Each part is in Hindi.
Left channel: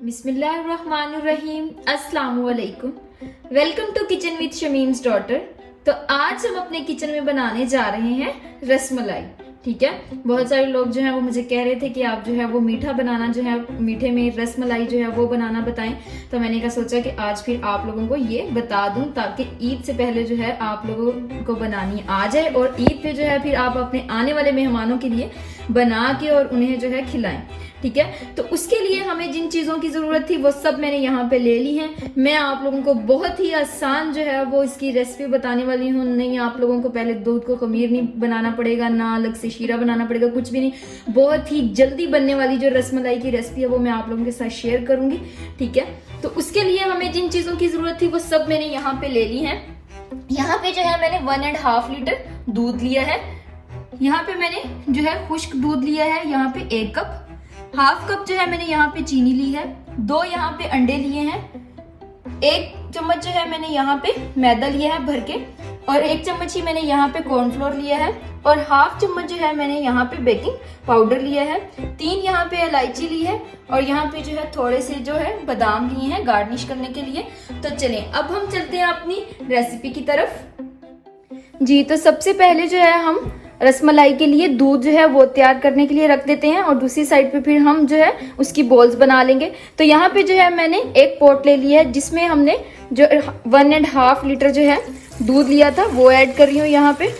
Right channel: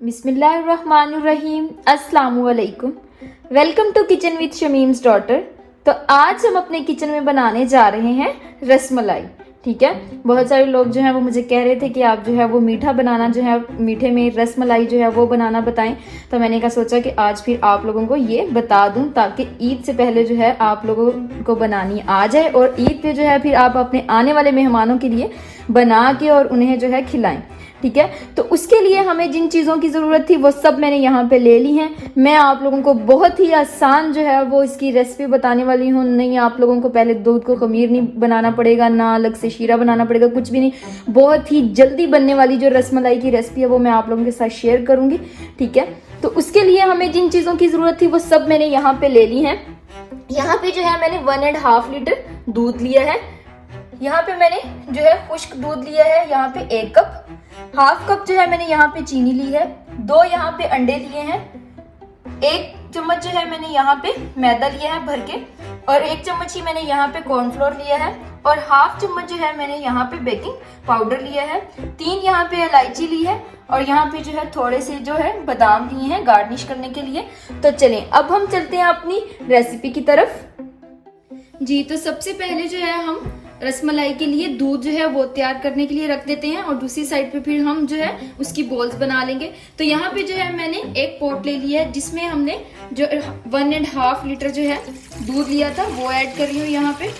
बिस्मिल्लाहिर्रहमानिर्रहीम, अस्सलामु अलैकुम। Welcome to kitchen with Shamim's daughter. तो आज हम अपने किचन में बनाने जा रहे हैं रसमलाई। ठीक है, बहुत सारे लोग जो है वो मुझे कह रहे थे कि आप जो है वो मीठा बनाना, जो है मीठे में रसमलाई जो है वो बनाना बताएं। तो मैंने कहा सोचा कि आज फिर आप लोगों को ये बता दूं ताकि ईद से पहले जो है आप लोगों को बनानी आ जाए और ईद पे जो है फिर आप अपने आने वाले मेहमानों के लिए बना के और उन्हें जो है खिलाएं। ठीक है, तो उसके लिए हमें जिन चीजों की जरूरत थी वो सब मैंने यहाँ पे ले ली है। मैं आप लोगों को बहुत ही आसान जो है वो इसकी रेसिपी बताने वाली हूँ। नहीं आप लोगों को पहले दूध को खमीर नहीं बनाना पड़ेगा, ना अलग से शीरा बनाना पड़ेगा, कुछ भी नहीं। बहुत ही जल्दी बनने वाली जो रसमलाई की रेसिपी है वो मैं आप लोगों के साथ शेयर करूंगी। ठीक है, तो उसके लिए हमें जिन चीजों की जरूरत थी वो सब मैंने यहाँ पे ले ली है। यहाँ पे जो है मैंने 1.5 लीटर दूध लिया है। यहाँ पे मैंने जो है खुश्क दूध लिया है। यहाँ पे 1 कप, 1/2 कप जो है मैंने यहाँ पे चीनी ली है। 2 यहाँ पे अंडे लिए हैं। 1 चम्मच जो है मैंने यहाँ पे मैदा लिया है भर के, और 1 चम्मच ही मैंने यहाँ पे कॉर्नफ्लोर लिया है, और 1/2 चम्मच जो है मैंने यहाँ पे बेकिंग पाउडर लिया है। 3 यहाँ पे इलायची ली है, और यहाँ पे जो है थोड़े से जो है बादाम लिए हैं गार्निश करने के लिए। तो चलें अब हम चलते हैं अपनी रेसिपी की तरफ। जी, तो सबसे पहले जो है हम रसमलाई के लिए दूध जो है वो तैयार करने के लिए रख देते हैं, और दूसरी साइड पे फिर हम जो है उसकी बॉल्स बना लेंगे। तो यहाँ पे जो है मैंने एक पॉट ले लिया है जिसमें हमने जो 1.5 लीटर जो है दूध लिया था वो ऐड कर रही हूँ यहाँ पे।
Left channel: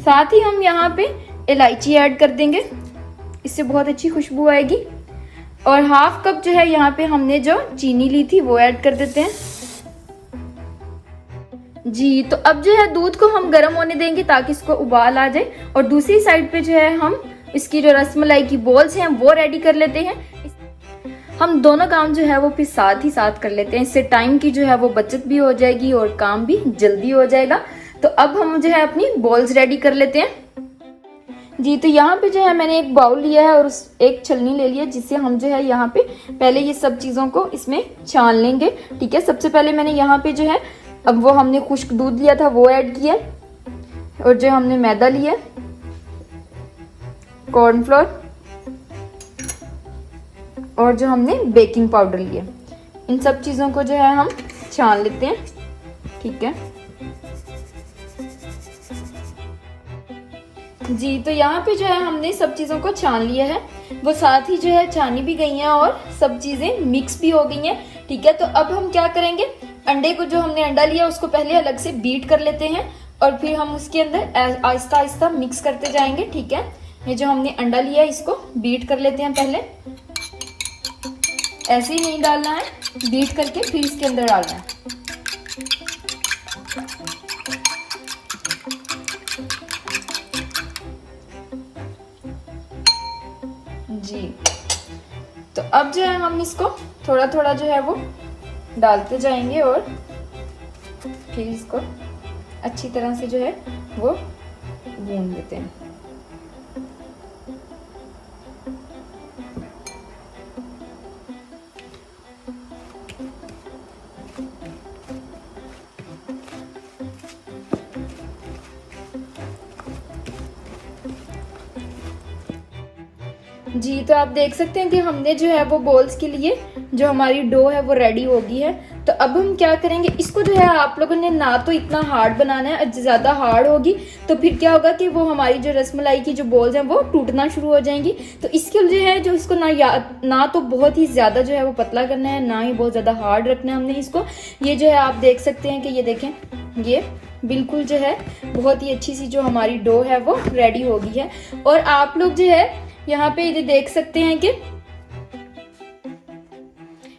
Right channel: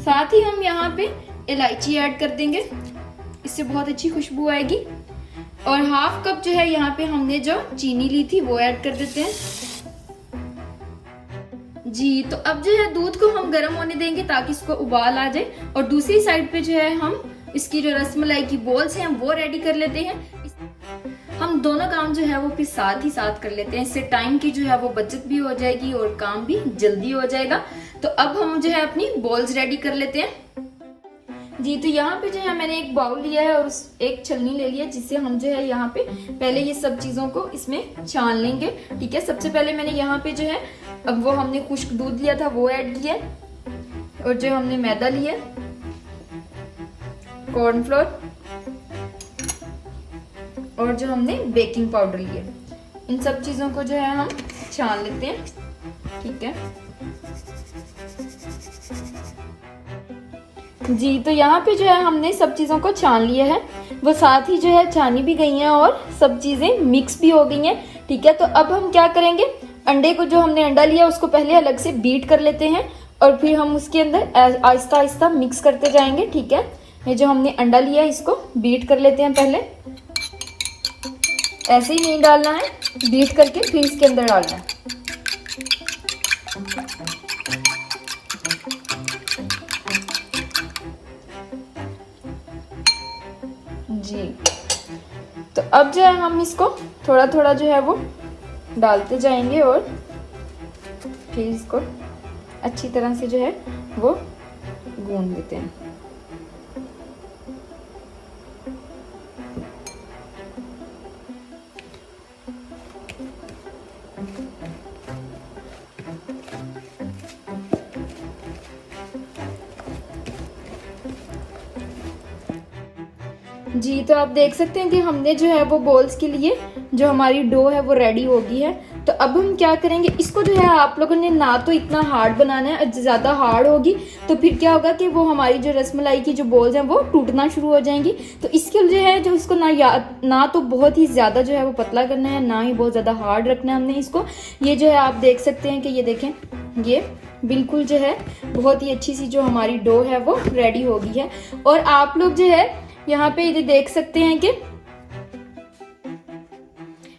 साथ ही हम यहाँ पे इलायची ऐड कर देंगे, इससे बहुत अच्छी खुशबू आएगी। और 1/2 कप जो है यहाँ पे हमने जो चीनी ली थी वो ऐड कर देते हैं। जी, तो अब जो है दूध को हम गर्म होने देंगे ताकि इसको उबाल आ जाए, और दूसरी साइड पे जो है हम इसकी जो रसमलाई की बॉल्स हैं वो रेडी कर लेते हैं। हम दोनों काम जो है वो फिर साथ ही साथ कर लेते हैं, इससे टाइम की जो है वो बचत भी हो जाएगी और काम भी जल्दी हो जाएगा। तो अब हम जो है अपनी बॉल्स रेडी कर लेते हैं। जी, तो यहाँ पे जो है मैंने एक बाउल लिया है और एक छलनी ले लिया जिससे हम जो है यहाँ पे पहले ये सब चीजों को इसमें छान लेंगे। ठीक है, सबसे पहले मैंने यहाँ पे जो है अब वो हमने खुश्क दूध लिया था वो ऐड किया, और जो हमने मैदा लिया, कॉर्नफ्लोर, और जो हमने बेकिंग पाउडर लिया, इन सब चीजों को जो है हम छान लेते हैं। ठीक है जी, तो यहाँ पे जो है हमने सब चीजों को छान लिया है, वो साथ ही जो है छानी भी गई हैं और सब चीजें मिक्स भी हो गई हैं। ठीक है, तो अब हम क्या करेंगे, अंडे को जो हमने अंडा लिया उसको पहले अलग से बीट कर लेते हैं, और फिर हम उसके अंदर आहिस्ता आहिस्ता मिक्स करते जाएंगे। ठीक है, ये जो हमने अंडा लिया इसको बीट कर लेते हैं पहले। ऐसे ही नहीं डालना है, बीट करके फिर इसके अंदर डालना है। जी, तो अब जो है हम इसको थोड़ा थोड़ा जो है वो डालते जाएंगे और फिर इसको अच्छी तरह से जो है वो गूंद देते हैं। जी, तो आप देख सकते हैं कि हमने जो है वो बॉल्स के लिए जो हमारी डो है वो रेडी हो गई है। तो अब हम क्या करेंगे, इसको जो है आप लोगों ने ना तो इतना हार्ड बनाना है, ज्यादा हार्ड होगी तो फिर क्या होगा कि वो हमारी जो रसमलाई की जो बॉल्स हैं वो टूटना शुरू हो जाएंगी। तो इसके जो है जो इसको ना तो बहुत ही ज्यादा जो है वो पतला करना है, ना ही बहुत ज्यादा हार्ड रखना है हमने इसको। ये जो है आप देख सकते हैं कि ये देखें, ये बिल्कुल जो है बहुत ही अच्छी सी जो हमारी डो है वो रेडी हो गई है। और आप लोग जो है यहाँ पे ये देख सकते हैं कि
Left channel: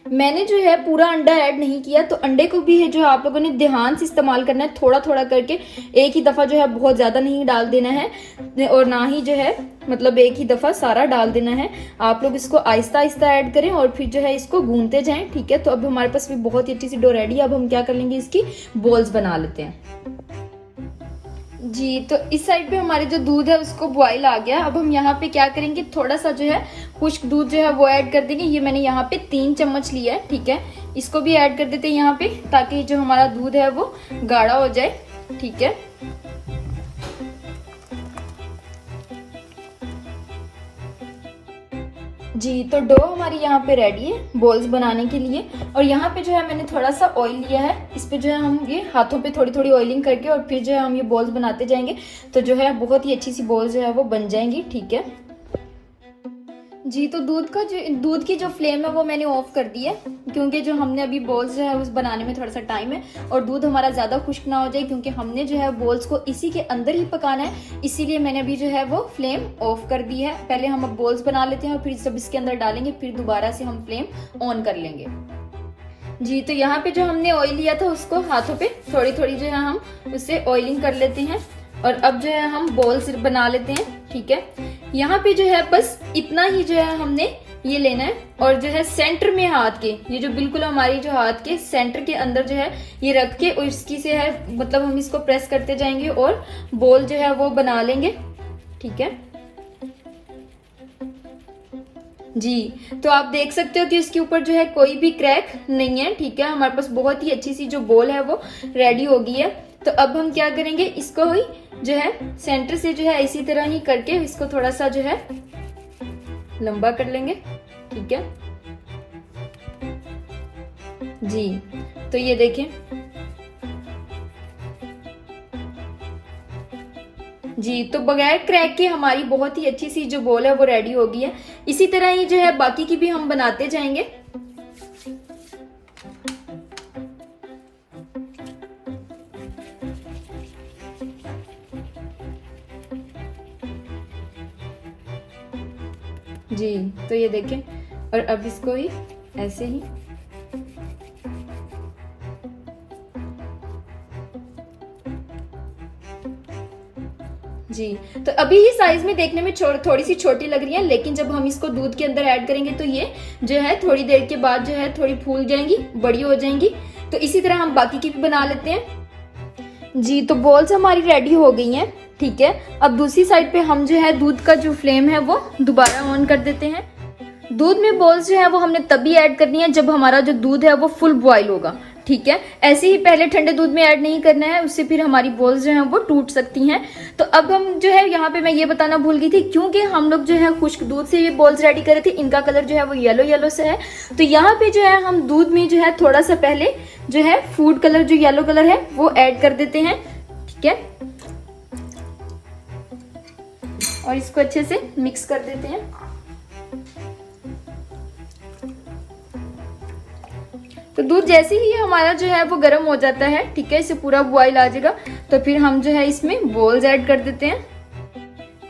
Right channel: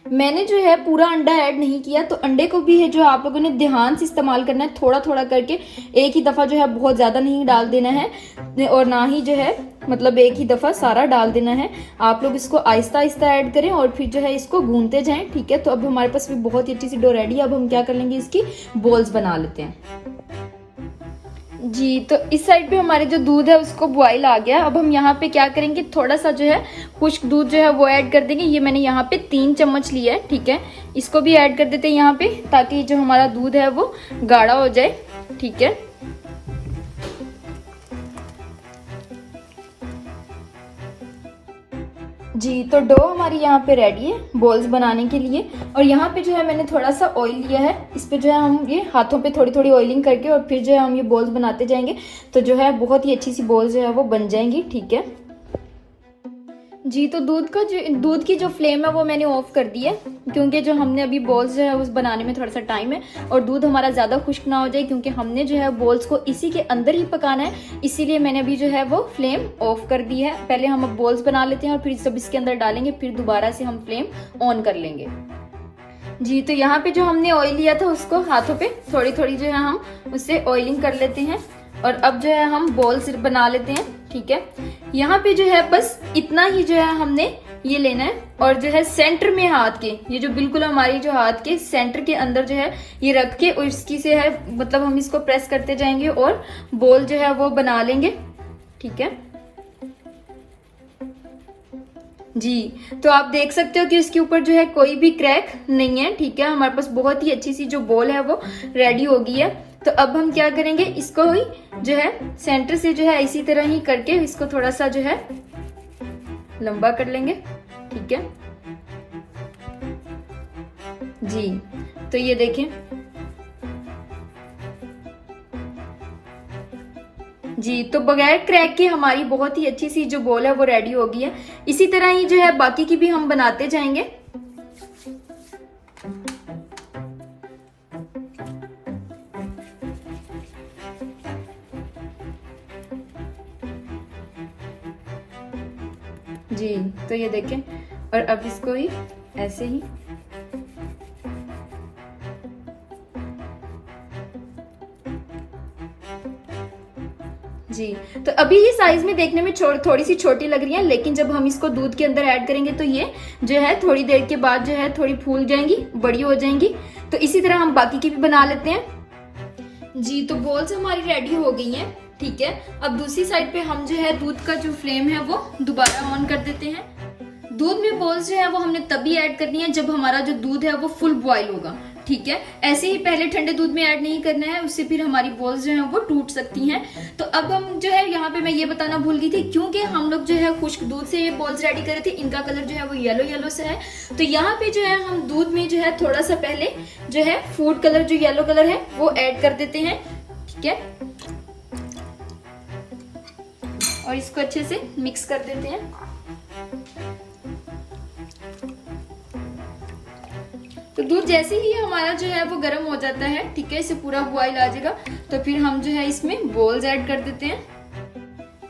मैंने जो है पूरा अंडा ऐड नहीं किया, तो अंडे को भी है जो आप लोगों ने ध्यान से इस्तेमाल करना है, थोड़ा थोड़ा करके, एक ही दफा जो है बहुत ज्यादा नहीं डाल देना है, और ना ही जो है मतलब एक ही दफा सारा डाल देना है। आप लोग इसको आहिस्ता आहिस्ता ऐड करें और फिर जो है इसको गूंदते जाएं। ठीक है, तो अब हमारे पास भी बहुत ही अच्छी सी डो रेडी है। अब हम क्या कर लेंगे, इसकी बॉल्स बना लेते हैं। जी, तो इस साइड पे हमारे जो दूध है उसको बॉईल आ गया। अब हम यहाँ पे क्या करेंगे, थोड़ा सा जो है खुश्क दूध जो है वो ऐड कर देंगे। ये मैंने यहाँ पे 3 चम्मच लिया है। ठीक है, इसको भी ऐड कर देते हैं यहाँ पे, ताकि जो हमारा दूध है वो गाढ़ा हो जाए। ठीक है, जी तो डो हमारी यहाँ पे रेडी है बॉल्स बनाने के लिए। और यहाँ पे जो है मैंने थोड़ा सा ऑयल लिया है, इस पे जो है हम ये हाथों पे थोड़ी थोड़ी ऑयलिंग करके और फिर जो है हम ये बॉल्स बनाते जाएंगे, तो जो है बहुत ही अच्छी सी बॉल्स जो है वो बन जाएंगी। ठीक है जी, तो दूध की जो फ्लेम है वो मैंने ऑफ कर दी है, क्योंकि जो हमने अभी बॉल्स जो है उस बनाने में थोड़ा सा टाइम है और दूध हमारा ज्यादा खुश्क ना हो जाए, क्योंकि हमने जो है बॉल्स को इसी के अंदर ही पकाना है, इसीलिए मैंने अभी जो है वो फ्लेम ऑफ कर दी है। पहले हम अब बॉल्स बना लेते हैं और फिर सब इसके अंदर डालेंगे, फिर दोबारा से हम फ्लेम ऑन कर लेंगे। जी तो यहाँ पे जो हमने ऑयल लिया था उसको हाथों पे थोड़ी थोड़ी जो है हम उससे ऑयलिंग कर लेते हैं और अब जो है हम बॉल्स बना लेते हैं। ठीक है, यहाँ पे जो है बस इतना ही जो है हमने ये लेना है और जो है सेंटर में हाथ के, ये जो बिल्कुल हमारी जो हाथ के सेंटर के अंदर जो है ये रख के उसकी से है मतलब हम इसको प्रेस करते जाएंगे और बॉल जो है वो बना लेंगे। ठीक है जी, तो आप देख सकते हो कि इसके ऊपर जो है कोई भी क्रैक नहीं है। ठीक है, हमारे पास बहुत ही अच्छी सी जो बॉल है वो रेडी हो गई है। तो अब हम क्या करेंगे, इसको ही जो है सेंटर से जो है इसी तरह ही करके इसको थोड़ा सा जो है लंबा कर लेंगे। ठीक है जी, तो ये देखें जी, तो बगैर क्रैक के हमारी बहुत ही अच्छी सी जो बॉल है वो रेडी हो गई है। इसी तरह ही जो है बाकी की भी हम बनाते जाएंगे। जी तो ये देखें, और अब इसको ही ऐसे ही जी, तो अभी ये साइज में देखने में थोड़ी सी छोटी लग रही है, लेकिन जब हम इसको दूध के अंदर ऐड करेंगे तो ये जो है थोड़ी देर के बाद जो है थोड़ी फूल जाएंगी, बड़ी हो जाएंगी। तो इसी तरह हम बाकी की भी बना लेते हैं। जी तो बॉल्स हमारी रेडी हो गई हैं। ठीक है, अब दूसरी साइड पे हम जो है दूध का जो फ्लेम है वो दोबारा ऑन कर देते हैं। दूध में बॉल्स जो है वो हमने तभी ऐड करनी है जब हमारा जो दूध है वो फुल बॉयल होगा। ठीक है, ऐसे ही पहले ठंडे दूध में ऐड नहीं करना है, उससे फिर हमारी बॉल्स जो है वो टूट सकती हैं। तो अब हम जो है यहाँ पे मैं ये बताना भूल गई थी, क्योंकि हम लोग जो है खुश्क दूध से ये बॉल्स रेडी करे थे, इनका कलर जो है वो येलो येलो से है। तो यहाँ पे जो है हम दूध में जो है थोड़ा सा पहले जो है फूड कलर जो येलो कलर है वो ऐड कर देते हैं। ठीक है, और इसको अच्छे से मिक्स कर देते हैं। तो दूध जैसे ही हमारा जो है वो गर्म हो जाता है, ठीक है, इसे पूरा बॉईल आ जाएगा, तो फिर हम जो है इसमें बॉल्स ऐड कर देते हैं।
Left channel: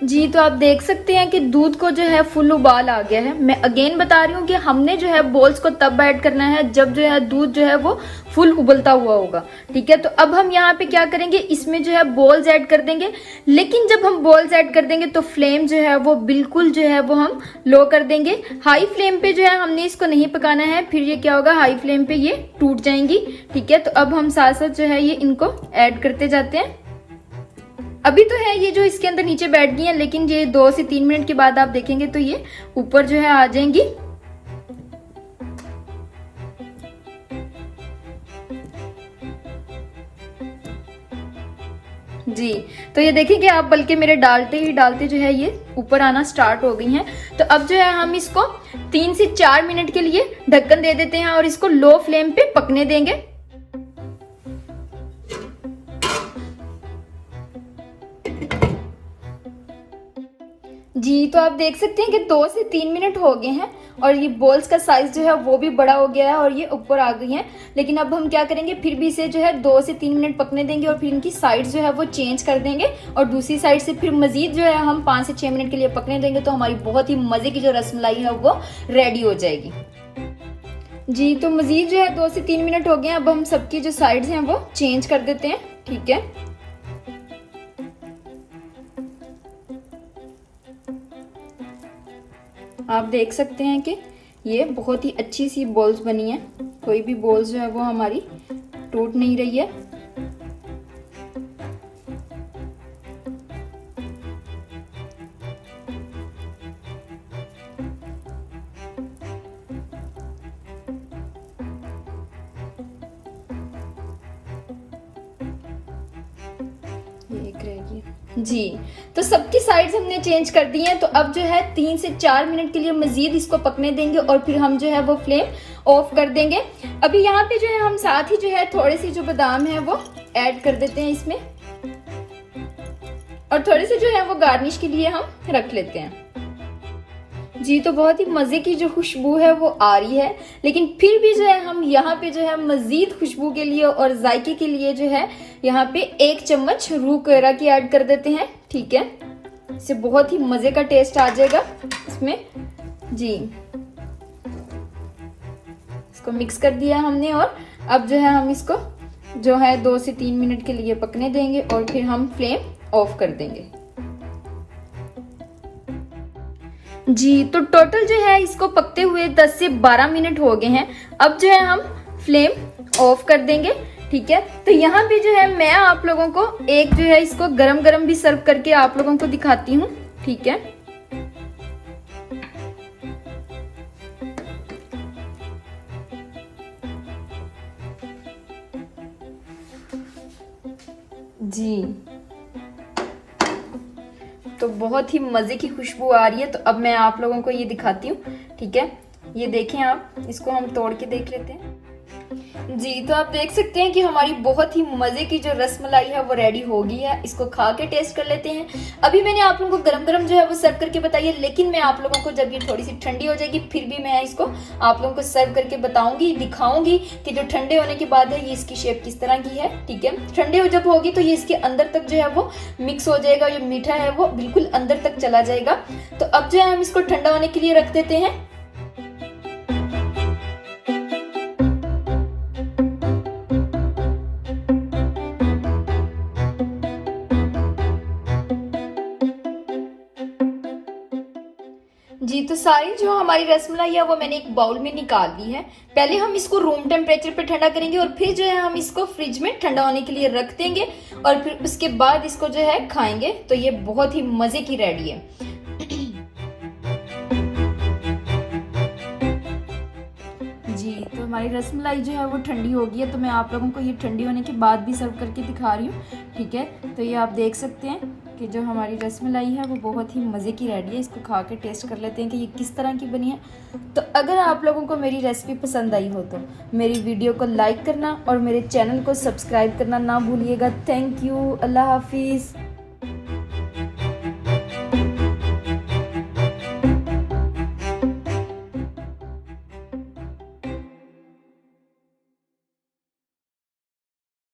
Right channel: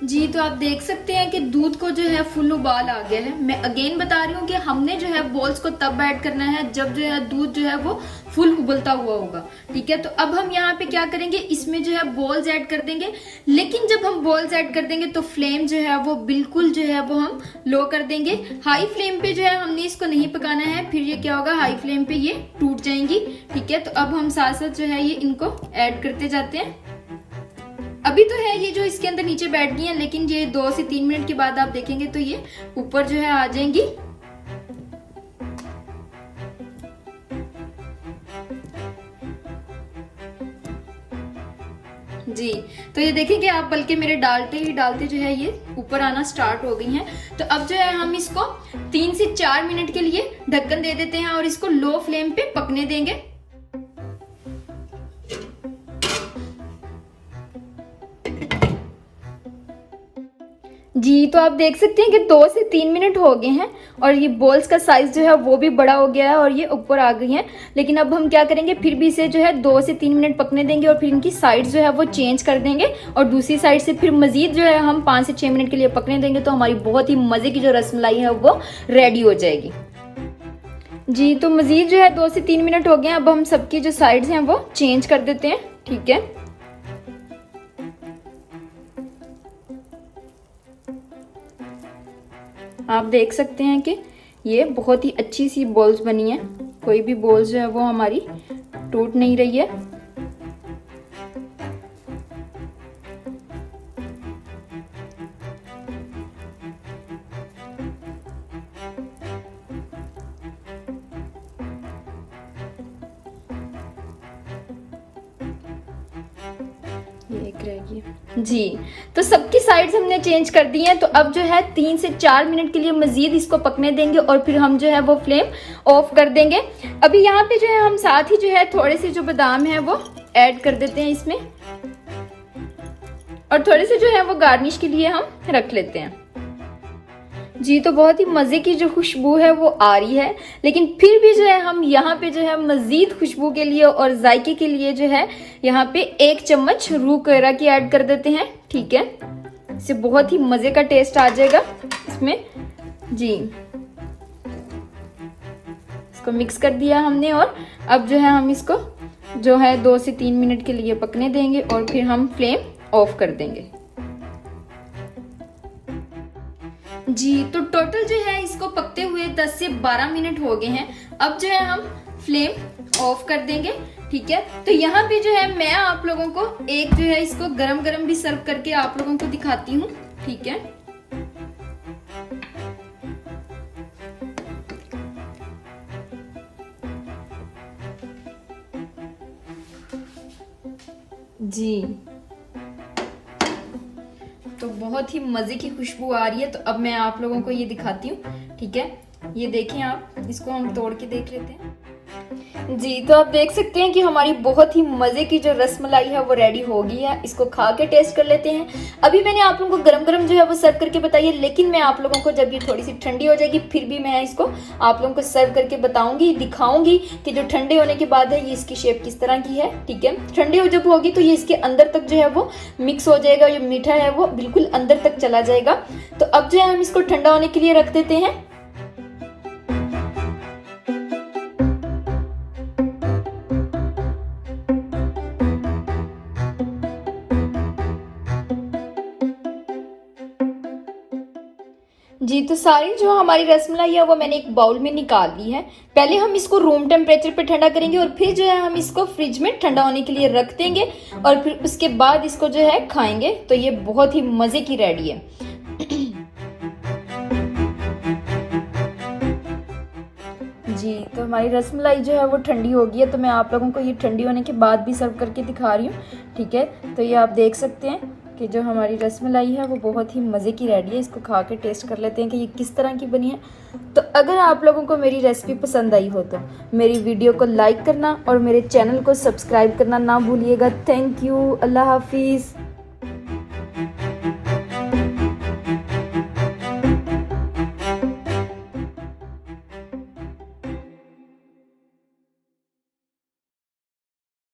जी तो आप देख सकते हैं कि दूध को जो है फुल उबाल आ गया है। मैं अगेन बता रही हूँ कि हमने जो है बॉल्स को तब ऐड करना है जब जो है दूध जो है वो फुल उबलता हुआ होगा। ठीक है, तो अब हम यहाँ पे क्या करेंगे, इसमें जो है बॉल्स ऐड कर देंगे, लेकिन जब हम बॉल्स ऐड कर देंगे तो फ्लेम जो है वो बिल्कुल जो है वो हम लो कर देंगे। हाई फ्लेम पे जो है हमने इसको नहीं पकाना है, फिर ये क्या होगा, हाई फ्लेम पे ये टूट जाएंगी। ठीक है, तो अब हम साथ साथ जो है ये इनको ऐड करते जाते हैं। अभी तो है ये जो इसके अंदर नीचे बैठ गई है, लेकिन ये 2 से 3 मिनट के बाद आप देखेंगे तो ये ऊपर जो है आ जाएंगी। जी तो ये देखिए कि आप बल्कि मेरे डालते ही डालते जो है ये ऊपर आना स्टार्ट हो गई हैं। तो अब जो है हम इसको 3 से 4 मिनट के लिए ढक्कन दे देते हैं और इसको लो फ्लेम पे पकने देंगे। जी तो आप देख सकते हैं कि 2 से 3 मिनट हो गए हैं और ये बॉल्स का साइज जो है वो भी बड़ा हो गया है और ये ऊपर आ गई हैं। लेकिन अब हम क्या करेंगे, फिर भी इसे जो है 2 से 3 मिनट पकने देंगे और फिर इनकी साइड जो है वो चेंज कर देंगे और दूसरी साइड से फिर मजीद जो है हम 5 से 6 मिनट के लिए पकने देंगे, तो हमारी बहुत ही मजे की जो रसमलाई है वो रेडी हो जाएगी। जी तो मजीद जो है 2 से 3 मिनट हो गए हैं, अब हम सबकी जो साइड्स हैं वो चेंज कर देते हैं। ठीक है, आप देख सकते हैं कि ये बहुत ही अच्छी सी बॉल्स बनी है, कोई भी बॉल्स जो है वो हमारी टूट नहीं रही है। ये एक रहेगी। जी, तो सबकी साइड्स हमने चेंज कर दी हैं। तो अब जो है 3 से 4 मिनट के लिए मजीद इसको पकने देंगे और फिर हम जो है वो फ्लेम ऑफ कर देंगे। अभी यहाँ पे जो है हम साथ ही जो है थोड़े से जो बादाम है वो ऐड कर देते हैं इसमें, और थोड़े से जो है वो गार्निश के लिए हम रख लेते हैं। जी, तो बहुत ही मजे की जो खुशबू है वो आ रही है, लेकिन फिर भी जो है हम यहाँ पे जो है मजीद खुशबू के लिए और जायके के लिए जो है यहाँ पे 1 चम्मच रूह करा की ऐड कर देते हैं। ठीक है, इससे बहुत ही मजे का टेस्ट आ जाएगा इसमें। जी, इसको मिक्स कर दिया हमने और अब जो है हम इसको जो है 2 से 3 मिनट के लिए पकने देंगे और फिर हम फ्लेम ऑफ कर देंगे। जी, तो टोटल जो है इसको पकते हुए 10 से 12 मिनट हो गए हैं। अब जो है हम फ्लेम ऑफ कर देंगे। ठीक है, तो यहाँ पे जो है मैं आप लोगों को एक जो है इसको गरम गरम भी सर्व करके आप लोगों को दिखाती हूँ। ठीक है, जी, तो बहुत ही मजे की खुशबू आ रही है। तो अब मैं आप लोगों को ये दिखाती हूँ। ठीक है, ये देखें आप, इसको हम तोड़ के देख लेते हैं। जी, तो आप देख सकते हैं कि हमारी बहुत ही मजे की जो रसमलाई है वो रेडी हो गई है। इसको खा के टेस्ट कर लेते हैं। अभी मैंने आप लोगों को गरम गरम जो है वो सर्व करके बताई है, लेकिन मैं आप लोगों को जब ये थोड़ी सी ठंडी हो जाएगी फिर भी मैं इसको आप लोगों को सर्व करके बताऊंगी, दिखाऊंगी कि जो ठंडे होने के बाद है ये इसकी शेप किस तरह की है। ठीक है, ठंडे जब होगी तो ये इसके अंदर तक जो है वो मिक्स हो जाएगा, ये मीठा है वो बिल्कुल अंदर तक चला जाएगा। तो अब जो है हम इसको ठंडा होने के लिए रख देते हैं। जी, तो सारी जो हमारी रसमलाई है वो मैंने एक बाउल में निकाल ली है। पहले हम इसको रूम टेम्परेचर पे ठंडा करेंगे और फिर जो है हम इसको फ्रिज में ठंडा होने के लिए रख देंगे और फिर उसके बाद इसको जो है खाएंगे। तो ये बहुत ही मजे की रेडी है। जी, तो हमारी रसमलाई जो है वो ठंडी हो गई है। तो मैं आप लोगों को ये ठंडी होने के बाद भी सर्व करके दिखा रही हूँ। ठीक है, तो ये आप देख सकते हैं कि जो हमारी रसमलाई है वो बहुत ही मज़े की रेडी है। इसको खा के टेस्ट कर लेते हैं कि ये किस तरह की बनी है। तो अगर आप लोगों को मेरी रेसिपी पसंद आई हो तो मेरी वीडियो को लाइक करना और मेरे चैनल को सब्सक्राइब करना ना भूलिएगा। थैंक यू, अल्लाह हाफिज़।